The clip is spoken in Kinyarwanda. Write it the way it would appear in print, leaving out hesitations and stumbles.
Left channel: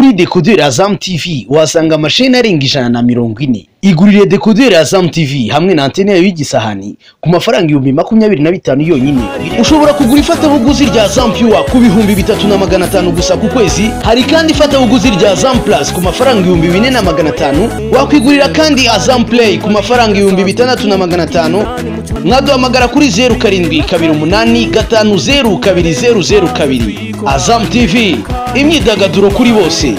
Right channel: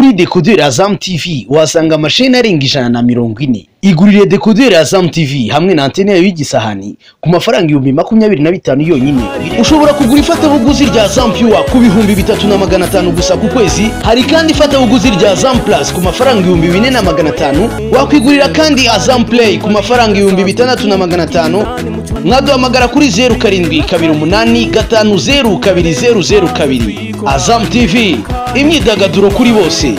Kuri decoder Azam TV wasanga amasheni arenga 140. Igurire decoder Azam TV hamwe na antene yayo y'igisahani ku mafaranga 25,000 yonyine. Ushobora kugura ifatabuguzi rya Azam Pure ku 3,500 gusa ku kwezi. Hari kandi ifatabuguzi rya Azam Plus ku mafaranga 4,500. Wakwigurira kandi Azam Play ku mafaranga 6,500. Mwaduhamagara kuri 0728502002. Azam TV, imyidagaduro kuri bose.